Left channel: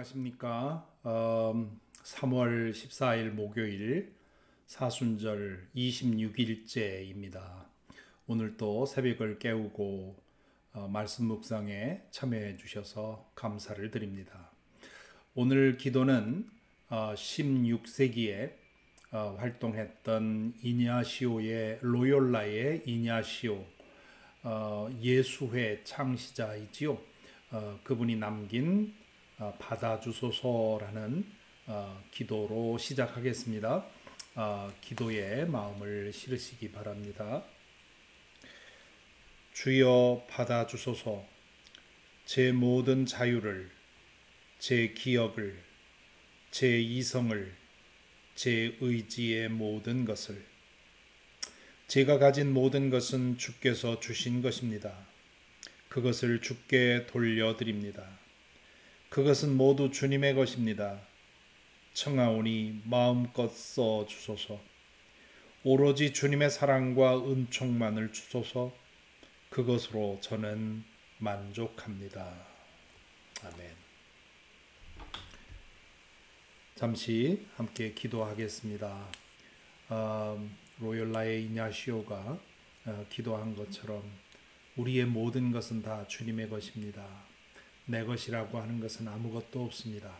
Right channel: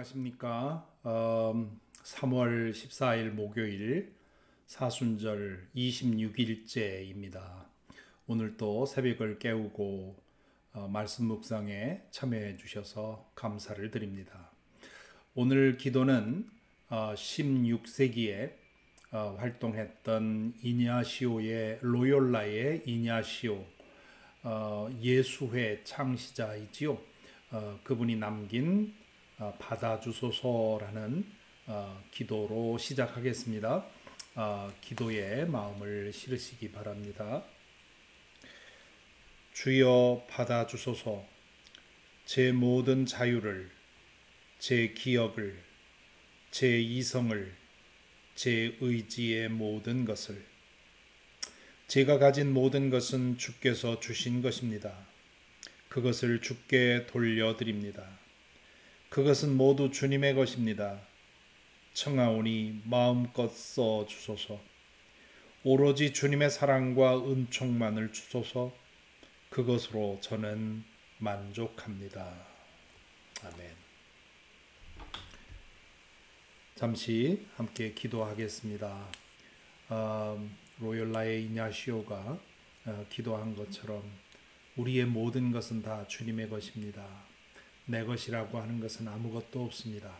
안녕하십니까. 3월 14일 목요일 사순절 26일째입니다. 오늘 또 새벽을 깨우고 말씀 묵상에 참여해 주셔서 감사를 드립니다. 오늘 기도는 16세기에 활동했던 이냐시오의 로욜라의 이냐시오 예수회 창시자이지요. 그분이 남긴 받아주소서라는 기도로 시작하겠습니다. 기도의 마음을 실으시기 바랍니다. 주여 받아주소서. 제 모든 자유를, 제 기억을, 제 이성을, 제 의지의 모든 것을. 제가 가진 모든 것은 주께서 주신 것입니다. 그것을 주께 돌려드립니다. 그것은 모두 주님의 것입니다. 청하오니 마음껏 써 주소서. 오로지 주님의 사랑과 은총만을 주소서. 그것으로 저는 만족합니다. 아멘. 잠시 함께 기도하겠습니다. 로욜라의 이냐시오가 기도한 것처럼 우리의 모든 것은 다 주님의 것입니다. 내 것이라고 하는 것은 아무것도 없습니다.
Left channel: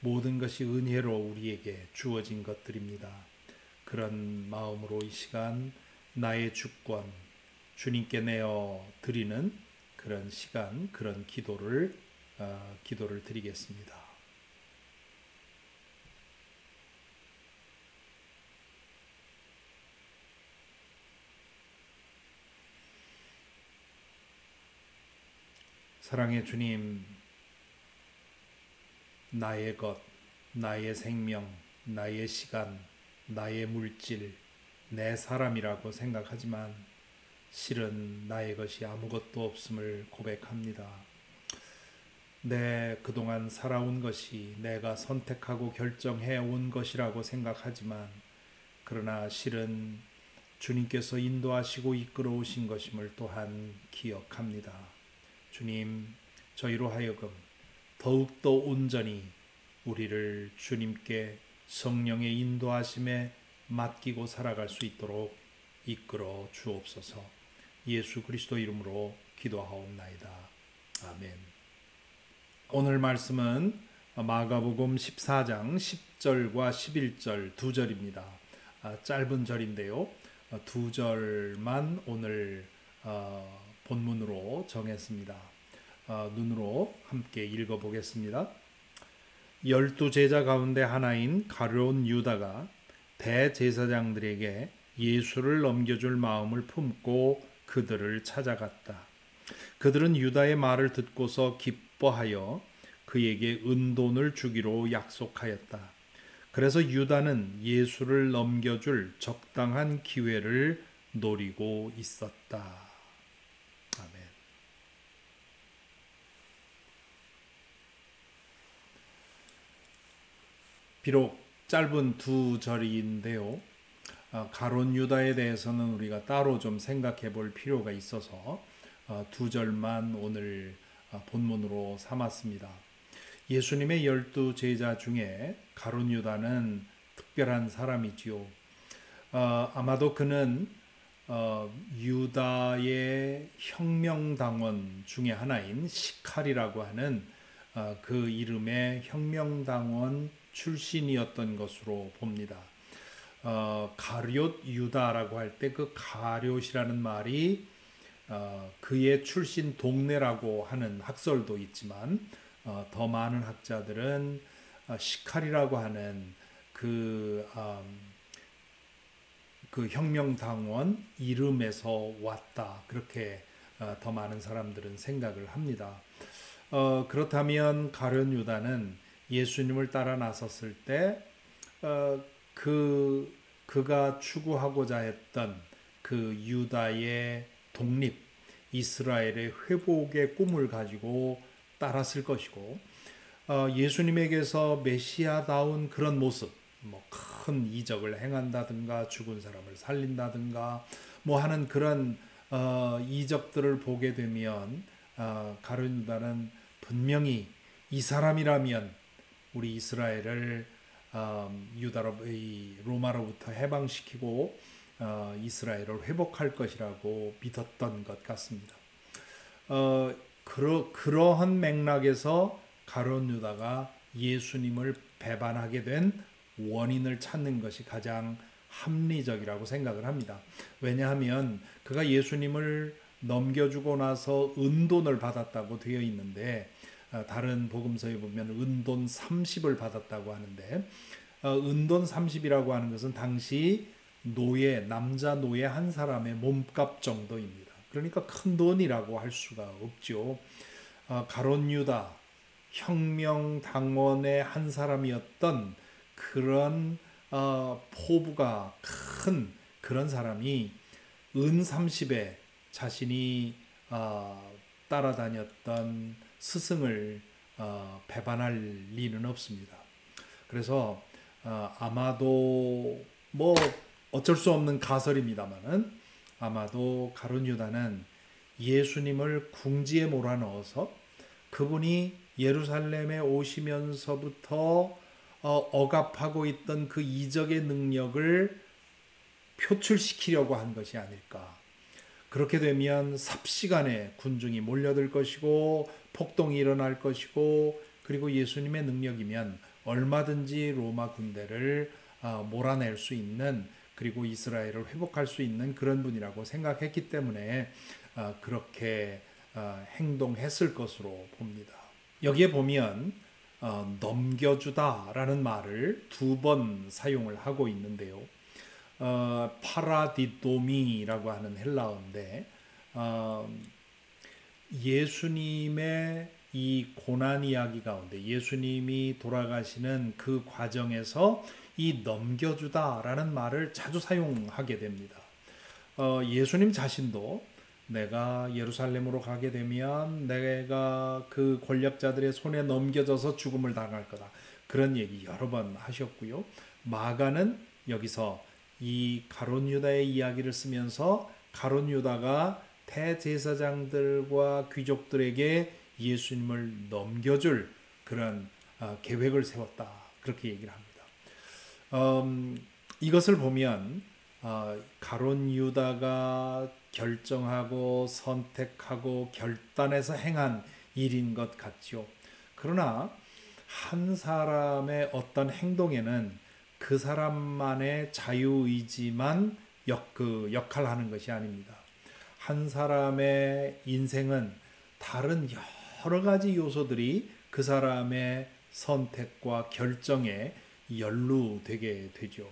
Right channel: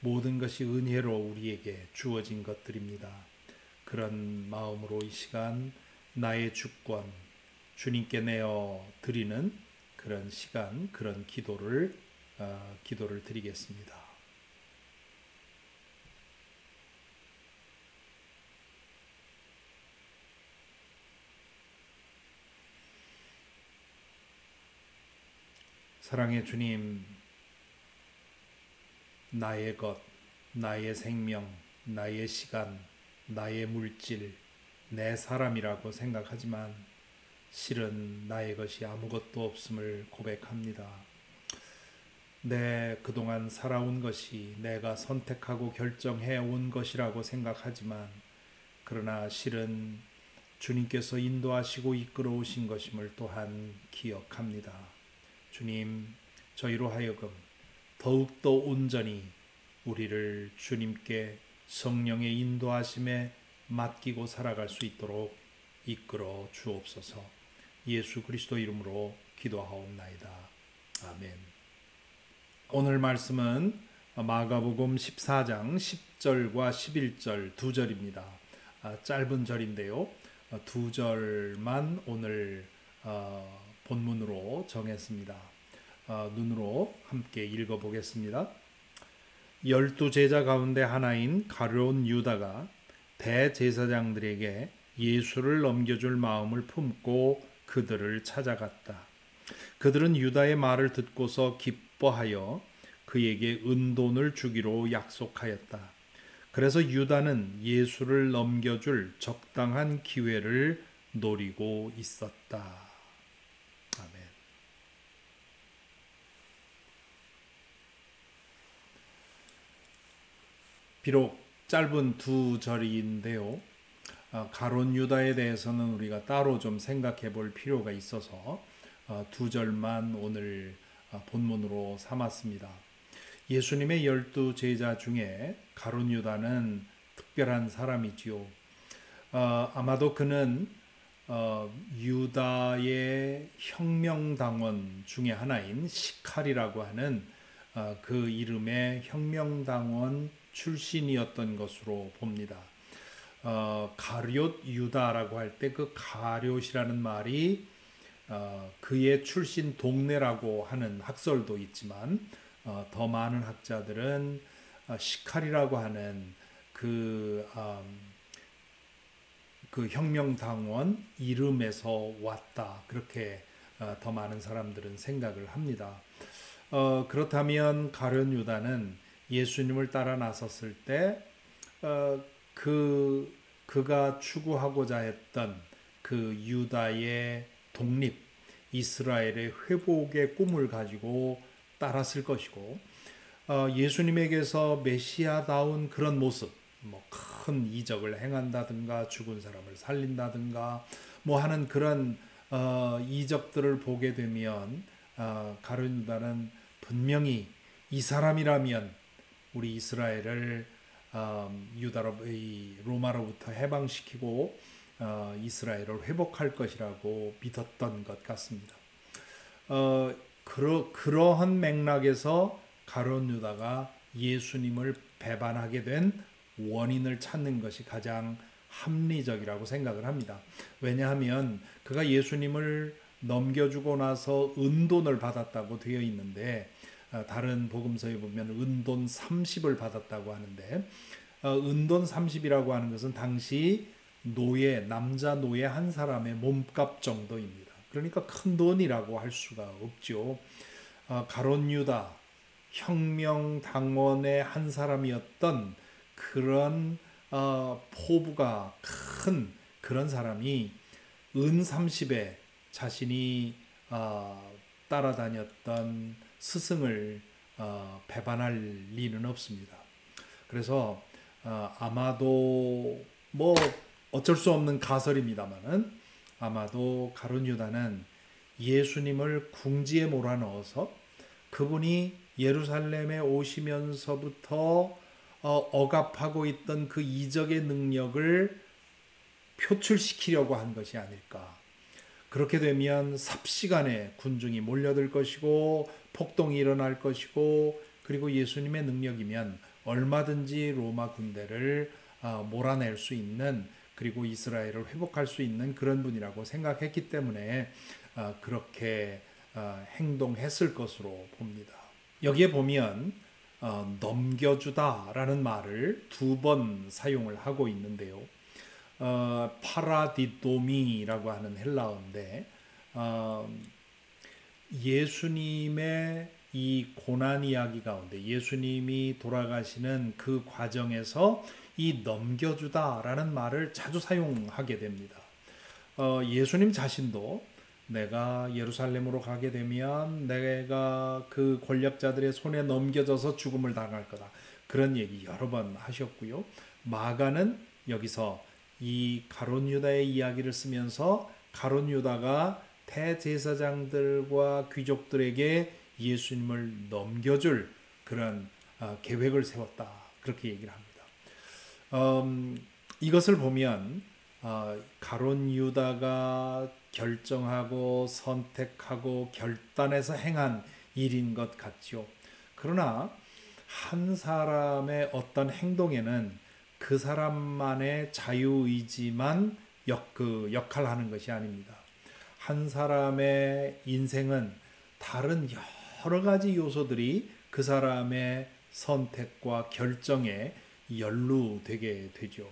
모든 것이 은혜로 우리에게 주어진 것들입니다. 그런 마음으로 이 시간 나의 주권 주님께 내어 드리는 그런 시간, 그런 기도를 드리겠습니다. 사랑의 주님, 나의 것, 나의 생명, 나의 시간, 나의 물질, 내 사람이라고 생각하지만 실은 나의 것이 아무것도 없음을 고백합니다. 그동안 살아온 것이 내가 선택하고 결정해 온 것이라고 생각하지만 그러나 실은 주님께서 인도하시고 이끌어 오신 것임을 또한 기억합니다. 주님, 저희로 하여금 더욱더 온전히 우리를 주님께 성령의 인도하심에 맡기고 살아갈 수 있도록 이끌어 주옵소서. 예수 그리스도 이름으로 기도하옵나이다. 아멘. 오늘 말씀은 마가복음 14장 10절과 11절 두 절입니다. 짧은 절인데요. 두 절만 오늘 본문으로 정했습니다. 눈으로 함께 읽어보겠습니다. 12 제자 가운데 하나인 가룟 유다가 대제사장들에게 예수를 넘겨줄 마음을 품고 그들을 찾아갔다. 그들은 유다의 말을 듣고서 기뻐하여 그에게 은돈을 주기로 약속하였다. 그래서 유다는 예수를 넘겨줄 적당한 기회를 노리고 있었다. 아멘. 비록 짧은 두 절인데요. 가룟 유다에 대해서는 우리가 따로 좀 생각해 볼 필요가 있어서 두 절만 오늘 본문으로 삼았습니다. 예수님의 12 제자 중에 가룟 유다는 특별한 사람이지요. 아마도 그는 유다의 혁명당원 중에 하나인 시칼이라고 하는 그 이름의 혁명당원 출신이었던 것으로 봅니다. 가룟 유다라고 할 때 그 가룟이라는 말이 그의 출신 동네라고 하는 학설도 있지만 더 많은 학자들은 시칼이라고 하는 그 혁명당원 이름에서 왔다. 그렇게 더 많은 사람들은 생각을 합니다. 그렇다면 가룟 유다는 예수님을 따라 나섰을 때 그가 추구하고자 했던 그 유다의 독립, 이스라엘의 회복의 꿈을 가지고 따랐을 것이고 예수님에게서 메시아다운 그런 모습, 큰 이적을 행한다든가 죽은 사람을 살린다든가 하는 그런 이적들을 보게 되면 가룟 유다는 분명히 이 사람이라면 우리 이스라엘을 로마로부터 해방시키고 이스라엘을 회복할 것이라고 믿었던 것 같습니다. 그러한 맥락에서 가룟 유다가 예수님을 배반하게 된 원인을 찾는 것이 가장 합리적이라고 생각을 합니다. 왜냐하면 그가 예수님을 넘겨주고 나서 은돈을 받았다고 되어 있는데, 다른 복음서에 보면 은돈 30을 받았다고 하는데, 은돈 30이라고 하는 것은 당시 남자 노예 한 사람의 몸값 정도입니다. 그러니까 큰 돈이라고 할 수가 없죠. 가룟 유다 혁명당원의 한 사람이었던 그런 포부가 큰 그런 사람이 은 30에 자신이 따라다녔던 스승을 배반할 리는 없습니다. 그래서 아마도 어쩔 수 없는 가설입니다만은 아마도 가룟 유다는 예수님을 궁지에 몰아넣어서 그분이 예루살렘에 오시면서부터 억압하고 있던 그 이적의 능력을 표출시키려고 한 것이 아닐까. 그렇게 되면 삽시간에 군중이 몰려들 것이고 폭동이 일어날 것이고, 그리고 예수님의 능력이면 얼마든지 로마 군대를 몰아낼 수 있는, 그리고 이스라엘을 회복할 수 있는 그런 분이라고 생각했기 때문에 그렇게 행동했을 것으로 봅니다. 여기에 보면 넘겨주다라는 말을 2번 사용을 하고 있는데요. 파라디도미라고 하는 헬라어인데, 예수님의 이 고난 이야기 가운데 예수님이 돌아가시는 그 과정에서 이 넘겨주다라는 말을 자주 사용하게 됩니다. 예수님 자신도 내가 예루살렘으로 가게 되면 내가 그 권력자들의 손에 넘겨져서 죽음을 당할 거다, 그런 얘기 여러 번 하셨고요. 마가는 여기서 이 가룟 유다의 이야기를 쓰면서 가룟 유다가 대제사장들과 귀족들에게 예수님을 넘겨줄 그런 계획을 세웠다, 그렇게 얘기를 합니다. 이것을 보면 가룟 유다가 결정하고 선택하고 결단해서 행한 일인 것 같죠. 그러나 한 사람의 어떤 행동에는 그 사람만의 자유의지만 역할하는 것이 아닙니다. 한 사람의 인생은 다른 여러 가지 요소들이 그 사람의 선택과 결정에 연루되게 되죠.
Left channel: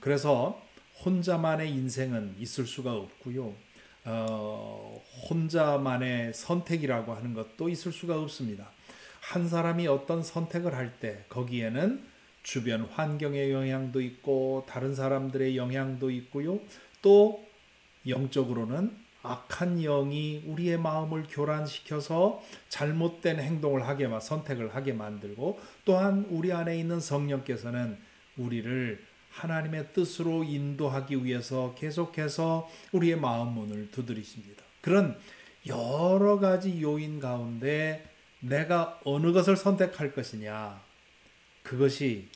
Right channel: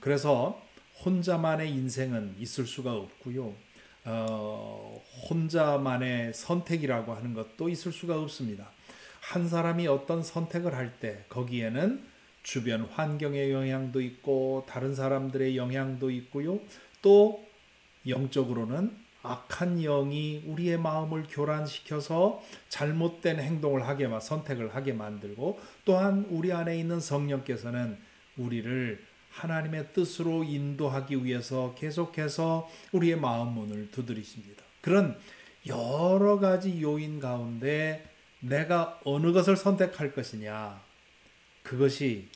그래서 혼자만의 인생은 있을 수가 없고요. 혼자만의 선택이라고 하는 것도 있을 수가 없습니다. 한 사람이 어떤 선택을 할 때 거기에는 주변 환경의 영향도 있고 다른 사람들의 영향도 있고요. 또 영적으로는 악한 영이 우리의 마음을 교란시켜서 잘못된 행동을 선택을 하게 만들고, 또한 우리 안에 있는 성령께서는 우리를 하나님의 뜻으로 인도하기 위해서 계속해서 우리의 마음 문을 두드리십니다. 그런 여러 가지 요인 가운데 내가 어느 것을 선택할 것이냐, 그것이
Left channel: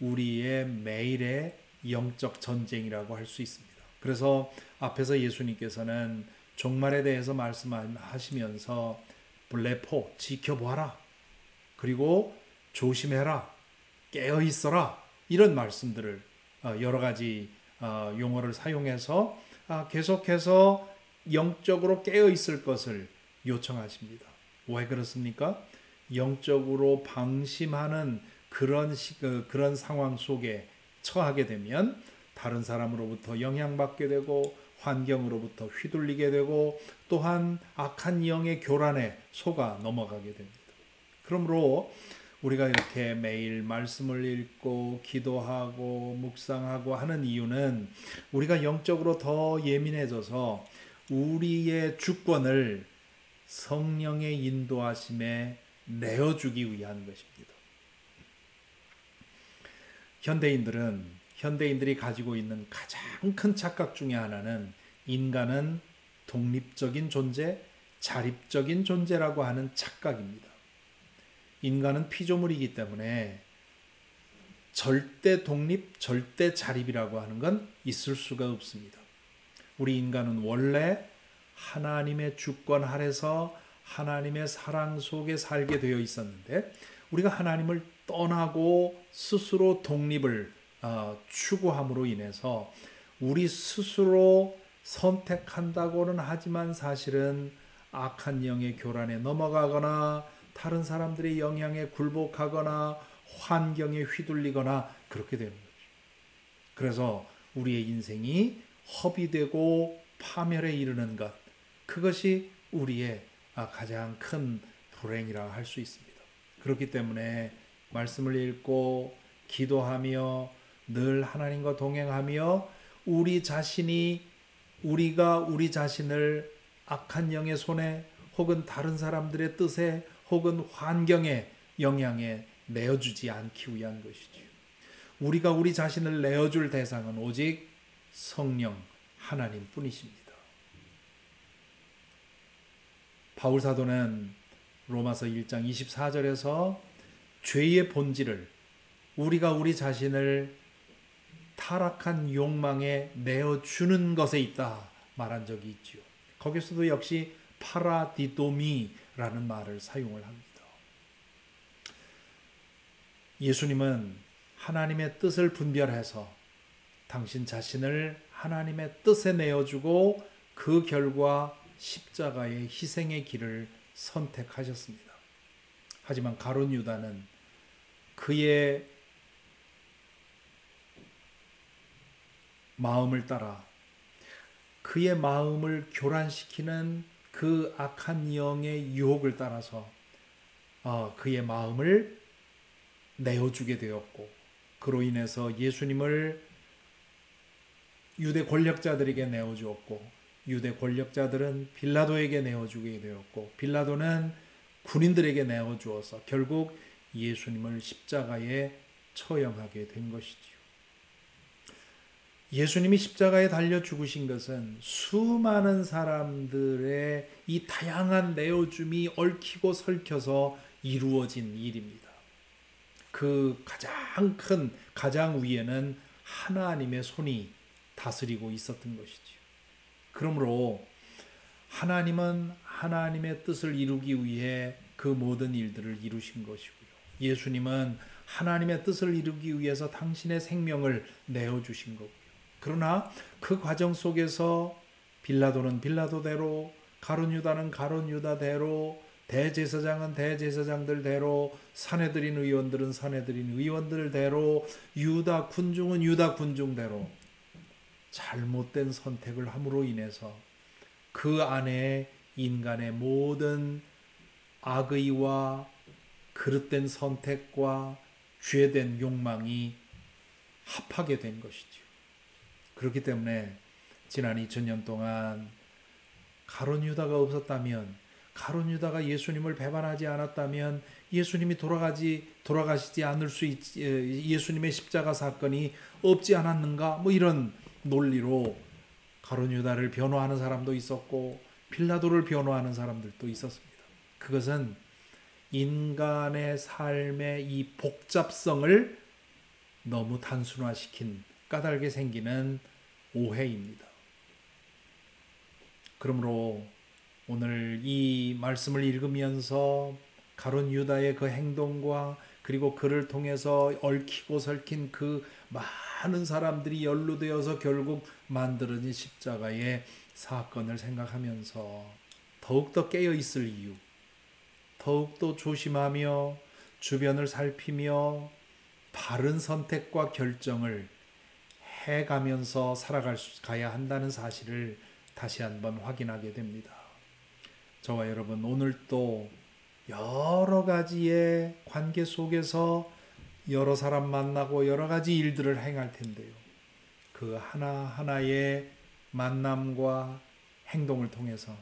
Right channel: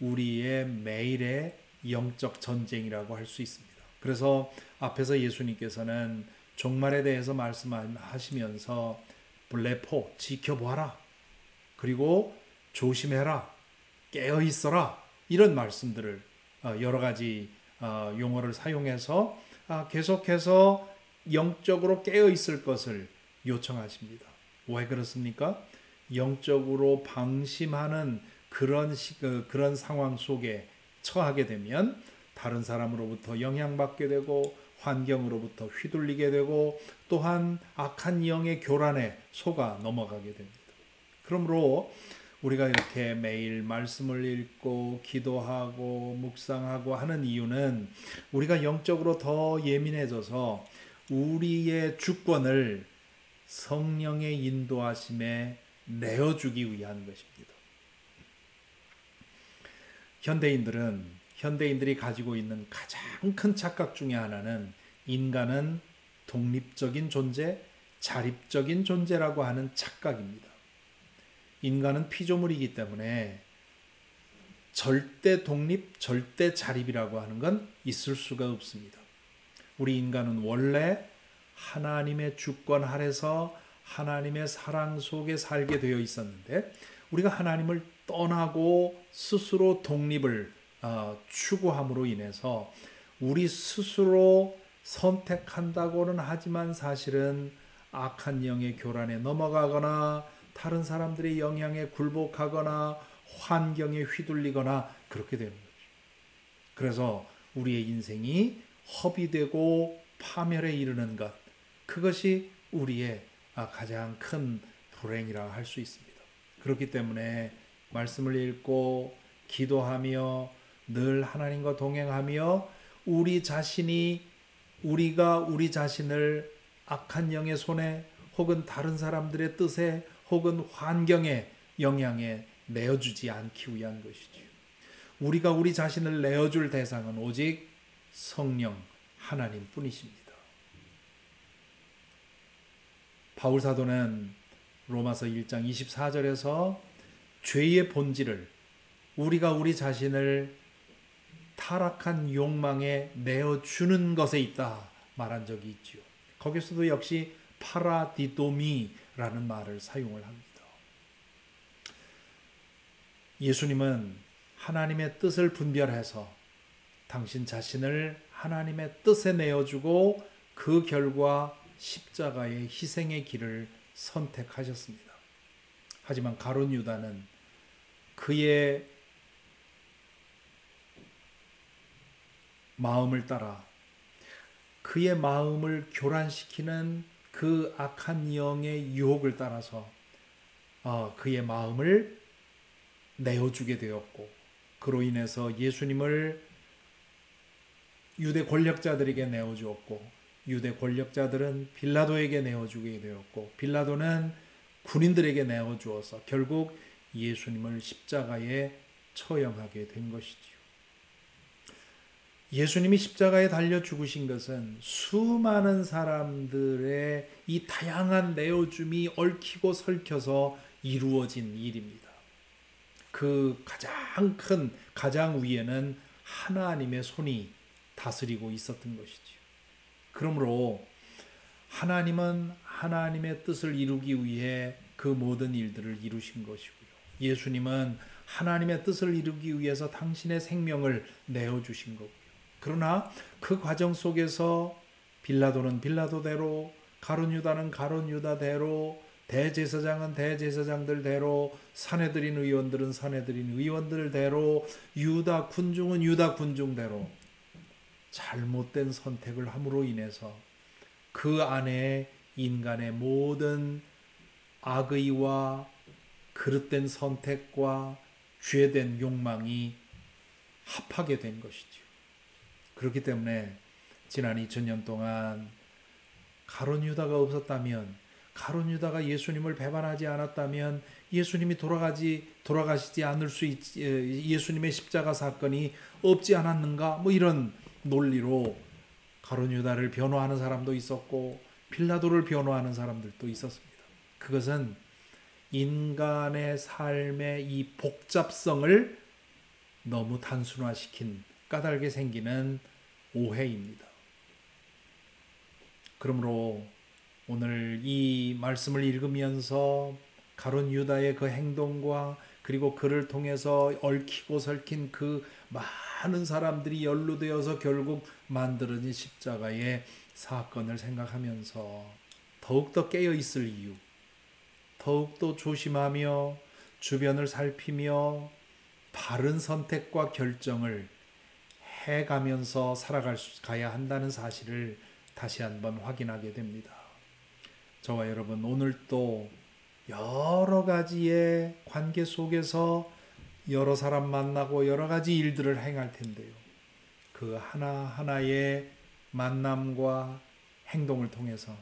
우리의 매일의 영적 전쟁이라고 할 수 있습니다. 그래서 앞에서 예수님께서는 종말에 대해서 말씀하시면서 블레포, 지켜보아라, 그리고 조심해라, 깨어있어라, 이런 말씀들을 여러 가지 용어를 사용해서 계속해서 영적으로 깨어있을 것을 요청하십니다. 왜 그렇습니까? 영적으로 방심하는 그런 상황 속에 처하게 되면 다른 사람으로부터 영향받게 되고 환경으로부터 휘둘리게 되고 또한 악한 영의 교란에 속아 넘어가게 됩니다. 그러므로 우리가 이렇게 매일 말씀을 읽고 기도하고 묵상하고 하는 이유는 우리가 영적으로 더 예민해져서 우리의 주권을 성령의 인도하심에 내어주기 위한 것입니다. 현대인들이 가지고 있는 가장 큰 착각 중에 하나는 인간은 독립적인 존재, 자립적인 존재라고 하는 착각입니다. 인간은 피조물이기 때문에 절대 독립, 절대 자립이라고 하는 건 있을 수가 없습니다. 우리 인간은 원래 하나님의 주권 아래서 하나님의 사랑 속에 살게 되어 있었는데, 우리가 하나님을 떠나고 스스로 독립을 추구함으로 인해서 우리 스스로 선택한다고는 하지만 사실은 악한 영의 교란에 넘어가거나 다른 사람들의 영향에 굴복하거나 환경에 휘둘리거나 그렇게 되는 거죠. 그래서 우리의 인생이 허비되고 파멸에 이르는 것, 그것이 우리의 가장 큰 불행이라 할 수 있습니다. 그렇기 때문에 말씀을 읽고 기도하며 늘 하나님과 동행하며 우리가 우리 자신을 악한 영의 손에 혹은 다른 사람들의 뜻에 혹은 환경의 영향에 내어주지 않기 위한 것이지요. 우리가 우리 자신을 내어줄 대상은 오직 성령 하나님 뿐이십니다. 바울 사도는 로마서 1장 24절에서 죄의 본질을, 우리가 우리 자신을 타락한 욕망에 내어주는 것에 있다 말한 적이 있지요. 거기서도 역시 파라디도미라는 말을 사용을 합니다. 예수님은 하나님의 뜻을 분별해서 당신 자신을 하나님의 뜻에 내어주고 그 결과 십자가의 희생의 길을 선택하셨습니다. 하지만 가룟 유다는 그의 마음을 따라 그의 마음을 교란시키는 그 악한 영의 유혹을 따라서 그의 마음을 내어주게 되었고, 그로 인해서 예수님을 유대 권력자들에게 내어주었고, 유대 권력자들은 빌라도에게 내어주게 되었고, 빌라도는 군인들에게 내어주어서 결국 예수님을 십자가에 처형하게 된 것이지요. 예수님이 십자가에 달려 죽으신 것은 수많은 사람들의 이 다양한 내어줌이 얽히고 설켜서 이루어진 일입니다. 그 가장 위에는 하나님의 손이 다스리고 있었던 것이지요. 그러므로 하나님은 하나님의 뜻을 이루기 위해 그 모든 일들을 이루신 것이고요. 예수님은 하나님의 뜻을 이루기 위해서 당신의 생명을 내어주신 거고요. 그러나 그 과정 속에서 빌라도는 빌라도대로, 가룟 유다는 가룟 유다대로, 대제사장은 대제사장들대로, 사내들인 의원들은 사내들인 의원들대로, 유다 군중은 유다 군중대로 잘못된 선택을 함으로 인해서 그 안에 인간의 모든 악의와 그릇된 선택과 죄된 욕망이 합하게 된 것이죠. 그렇기 때문에 지난 2000년 동안 가룟 유다가 없었다면, 가룟 유다가 예수님을 배반하지 않았다면 예수님이 돌아가시지 않을 수 예수님의 십자가 사건이 없지 않았는가, 이런 논리로 가룟 유다를 변호하는 사람도 있었고 빌라도를 변호하는 사람들도 있었습니다. 그것은 인간의 삶의 이 복잡성을 너무 단순화시킨 까닭에 생기는 오해입니다. 그러므로 오늘 이 말씀을 읽으면서 가룟 유다의 그 행동과 그리고 그를 통해서 얽히고 설킨 그 많은 사람들이 연루되어서 결국 만들어진 십자가의 사건을 생각하면서 더욱더 깨어있을 이유, 더욱더 조심하며 주변을 살피며 바른 선택과 결정을 해가면서 살아가야 한다는 사실을 다시 한번 확인하게 됩니다. 저와 여러분, 오늘 또 여러 가지의 관계 속에서 여러 사람 만나고 여러 가지 일들을 행할 텐데요. 그 하나하나의 만남과 행동을 통해서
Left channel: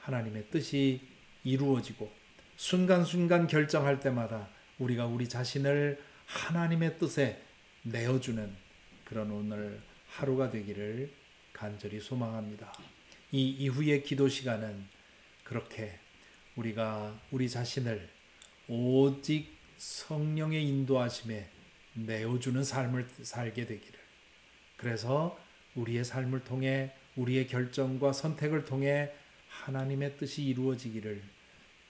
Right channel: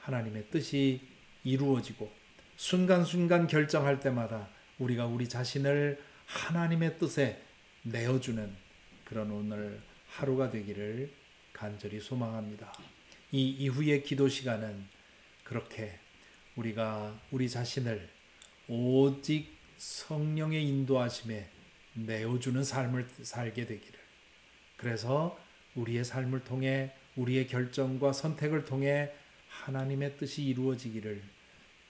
하나님의 뜻이 이루어지고 순간순간 결정할 때마다 우리가 우리 자신을 하나님의 뜻에 내어주는 그런 오늘 하루가 되기를 간절히 소망합니다. 이 이후의 기도 시간은 그렇게 우리가 우리 자신을 오직 성령의 인도하심에 내어주는 삶을 살게 되기를. 그래서 우리의 삶을 통해 우리의 결정과 선택을 통해 하나님의 뜻이 이루어지기를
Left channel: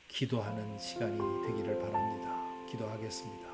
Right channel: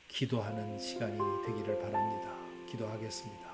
기도하는 시간이 되기를 바랍니다. 기도하겠습니다.